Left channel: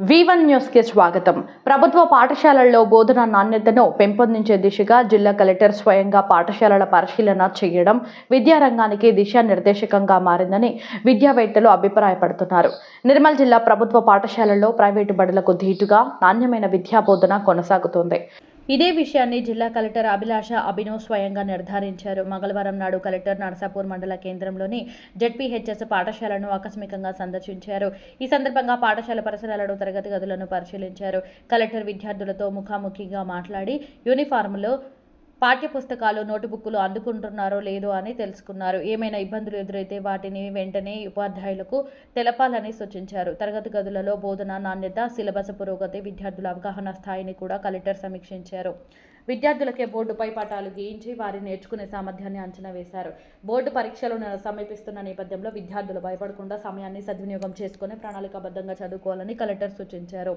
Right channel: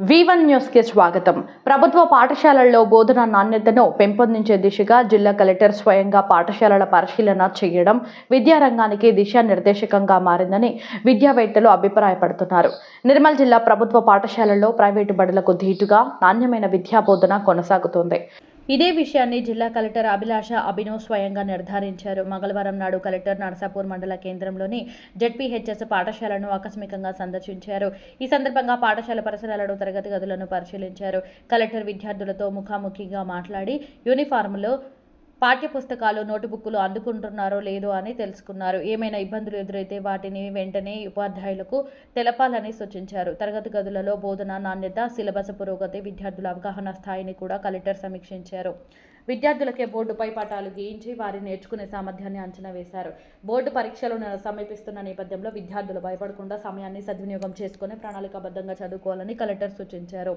వివన్ న్యూస్కి స్వాగతం. ప్రభుత్వ పాఠశాలల్లో బోధన నాణ్యతను పెంపొందించే దిశగా జిల్లా కలెక్టర్ స్వయంగా పాఠశాలల పరిశీలన చేయడం విద్యారంగానికి దిశానిర్దేశకంగా మారిందని విద్యావేత్తలు అభిప్రాయపడుతున్నారు. నిర్మల్ జిల్లా ప్రభుత్వ పాఠశాలల్లో ప్రైవేటు బడులకు ధీటుగా నాణ్యమైన విద్యా బోధన కొనసాగుతోంది. ఇదే విషయాన్ని జిల్లా కలెక్టర్ అభిలాష అభినవ్ స్వయంగా నిర్ధారించారు. మంగళవారం నాడు కలెక్టర్ నరసాపూర్ మండల కేంద్రంలోని జెడ్పీహెచ్ఎస్ పాఠశాలను ఆకస్మికంగా సందర్శించారు. ఈ సందర్భంగా పాఠశాల పరిసరాలను తరగతి గదులను పరిశీలించారు. కలెక్టర్ విద్యార్థులతో ముఖాముఖిగా మాట్లాడి యూనిఫారంలో పాఠ్యపుస్తకాలు నోటుబుక్కులు అందుకుంటున్నారో లేదో అని తెలుసుకున్నారు. ఏమైనా ఇబ్బందులు ఎదురైతే వాటిని వెంటనే ఉపాధ్యాయులకు తెలపాలని సూచించారు. తరగతి గదులలో బోధన నాణ్యత సిలబస్ పురోగతి విద్యార్థుల అవగాహన స్థాయిని కూడా కలెక్టర్ సమీక్షించారు. విద్యార్థులకే బోర్డుపై పటాలు గీయించి వారి నేర్చుకునే సామర్థ్యాన్ని అంచనా వేశారు. బోర్డు పరీక్షలు సమీపిస్తున్న నేపథ్యంలో విద్యార్థులు భయపడకుండా సమయాన్ని సద్వినియోగం చేసుకుని ప్రణాళికాబద్ధంగా చదువుకోవాలని కలెక్టర్ సూచించారు.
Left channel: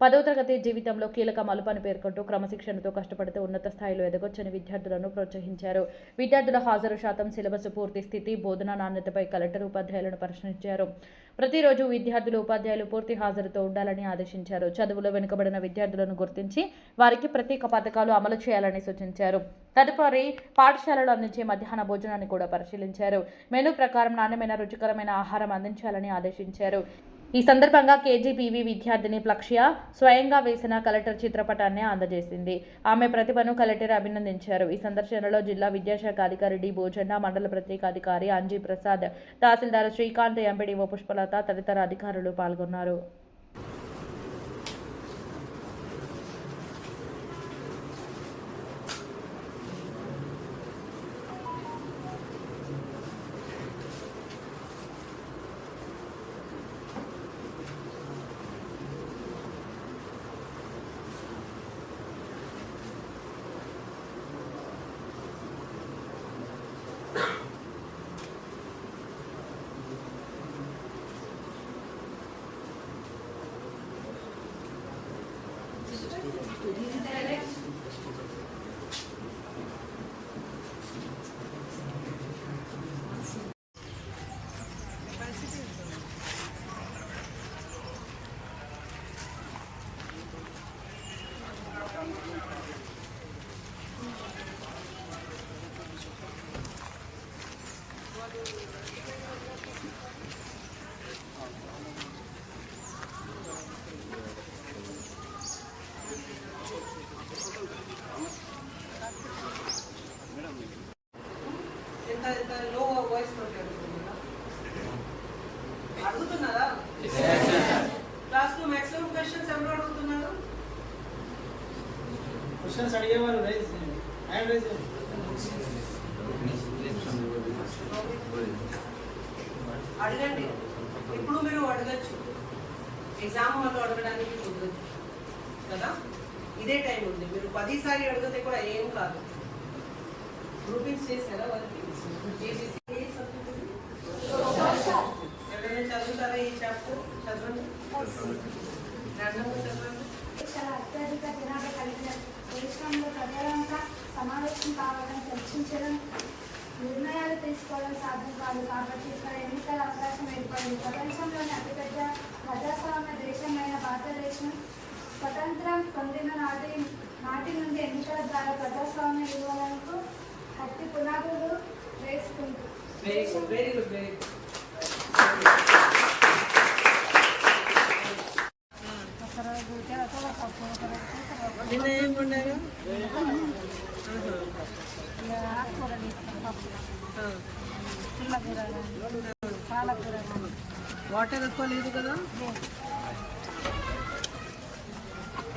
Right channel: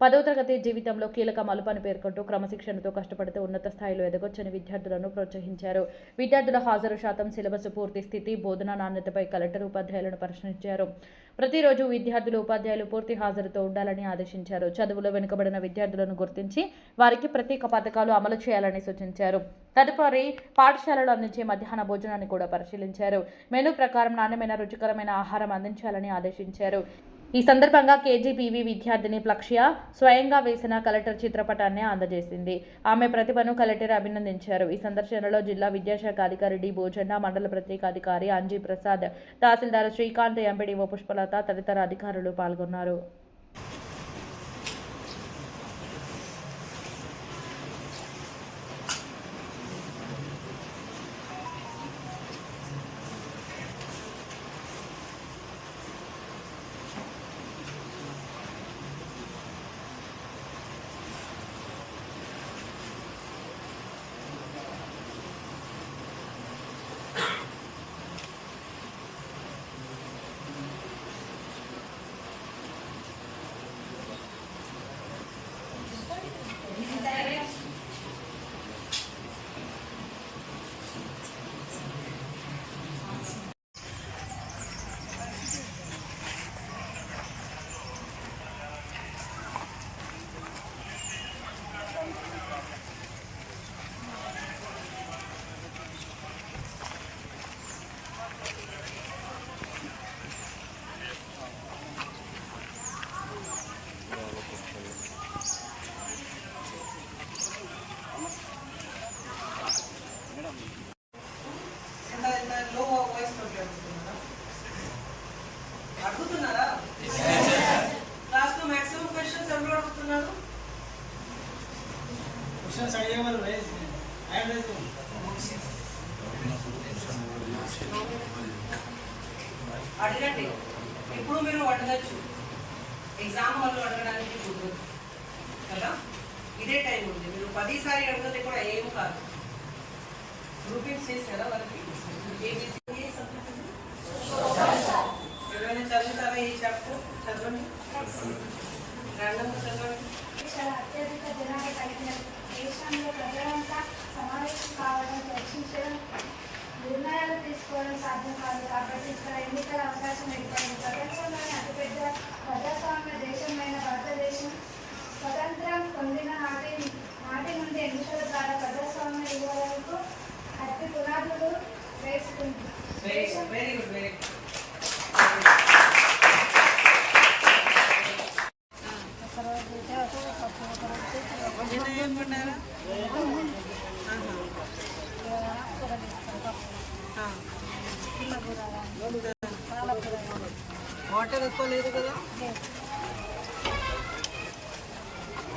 పదవ తరగతి జీవితంలో కీలక మలుపని పేర్కొంటూ క్రమశిక్షణతో కష్టపడితే ఉన్నత స్థాయిలో ఎదగొచ్చని విద్యార్థులను ప్రోత్సహించారు. విద్యార్థుల హాజరు శాతం సిలబస్ పూర్తి స్థితి బోధనా నాణ్యతపై కలెక్టర్ ఉపాధ్యాయులను ప్రశ్నించారు. ప్రతిరోజు విద్యార్థులు ఉపాధ్యాయులు పూర్తి హాజరుతో ఉండాలని ఆదేశించారు. చదువులో వెనుకబడిన విద్యార్థులను గుర్తించి వారికి ప్రత్యేక పథకాలు అమలు చేయాలని సూచించారు. తదుపరి పాఠశాలలో అందించే మధ్యాహ్న భోజనాన్ని కూడా పరిశీలించారు. మెనూ ప్రకారం నాణ్యమైన రుచికరమైన ఆహారం అందించాలని ఆదేశించారు. ఈ సందర్భంగా కేజీపీవీ విద్యార్థిని ప్లక్ష్య స్వయంగా వేసిన కలెక్టర్ చిత్రపటాన్ని అందజేసింది. ఆమె ప్రతిభను కలెక్టర్ అభినందించారు. ఈ సందర్శనలో జిల్లా విద్యాశాఖ అధికారి డి. భోజన్న మండల ప్రత్యేక అధికారి అంజీ ప్రసాద్ తహసీల్దార్ శ్రీకాంత్ ఎంపీడీఓ పుష్పలత తదితర అధికారులు పాల్గొన్నారు. అడుగుతున్నారా క్లాస్లో మాక్సిమం క్వశ్చన్స్ ఎవరు అడుగుతున్నారు క్వశ్చన్స్ అడిగేవారు హ్యాండ్ అడగండి. ఇప్పుడు మీరు అడగచ్చు. ఎగ్జామ్ హాల్లో అడగడానికి కుదరదు కదా? ఇదే టైం ఉంది. మీరు పదిసారి అడుగుతుంది కూడా ఏం కాదు. గ్రూపింగ్స్ చేస్తారా వాళ్ళకి? చేసేసి కాదు కాబట్టి ఇక్కడ ఎన్నికల అవకాశం ఏర్పడింది ప్రపంచంలోని అతిపెద్ద ప్రజాస్వామ్య దేశమైన భారతదేశం. స్వతంత్రం పొందిన నాటి నాటి నుండి ఎన్నికల ద్వారా ప్రజాస్వామ్య విలువలకు అతి పునాదులు వేసుకుంది. Very good very good very good నిన్న ఏం వాటర్ ఎక్కువ లేదు కదా?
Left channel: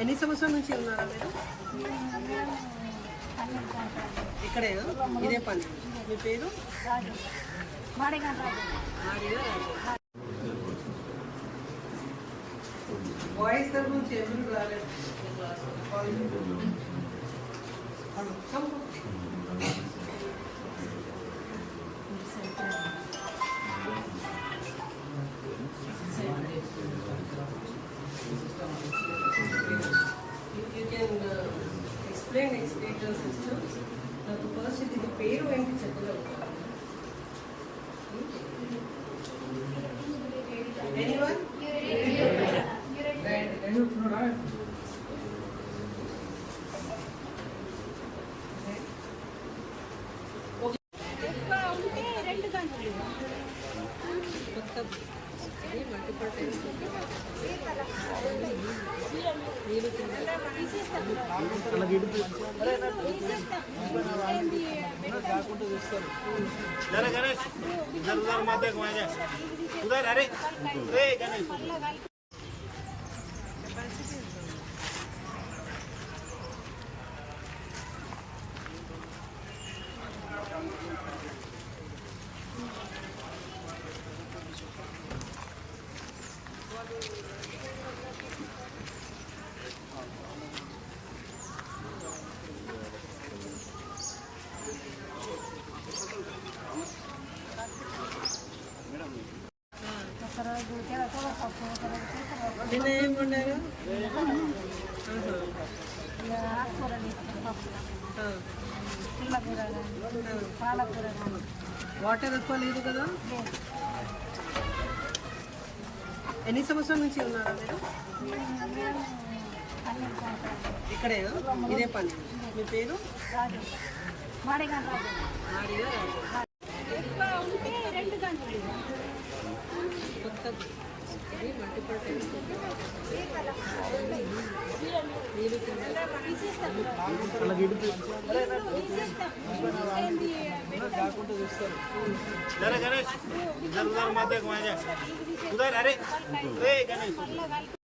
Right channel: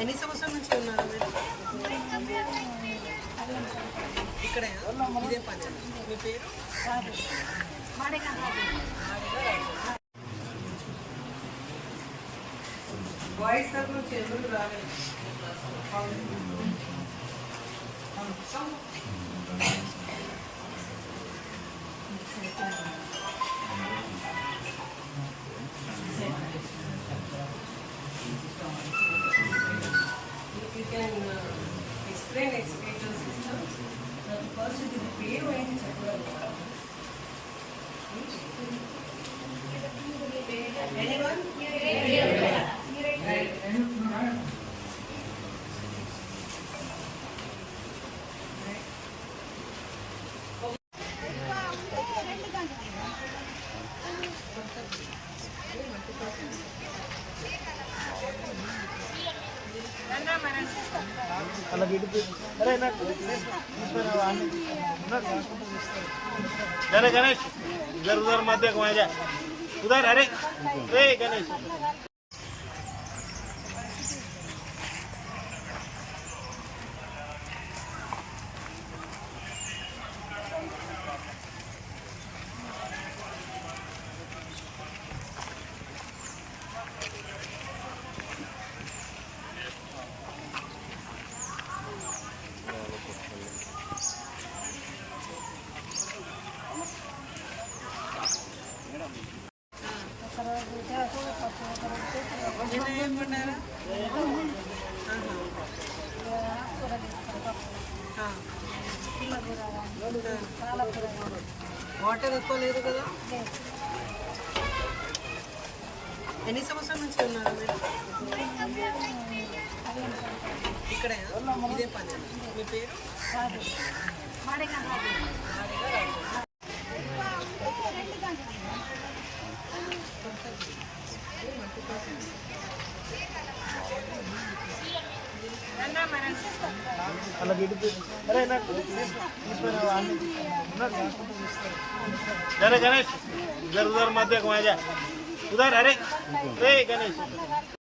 ఎన్ని సంవత్సరం నుంచి ఉన్నారా మీరు? ఇక్కడే ఇదే పని మీ పేరు? వాయిస్ రాజు. నుంచి ఎవరు రాలేదు. गणेश जर उधर माझ्या उधर अरे. गणेश. తీసుకుంటారా వాటర్ ఎక్కువ లేదు కదా? ఎన్ని సంవత్సరాల నుంచి ఉన్నారా మీరు? ఇక్కడేనా? ఇదే పని మీ పేరు? కొత్త गणेश उधर गणेश उधर मध्य कुमार उधर अरे गणेश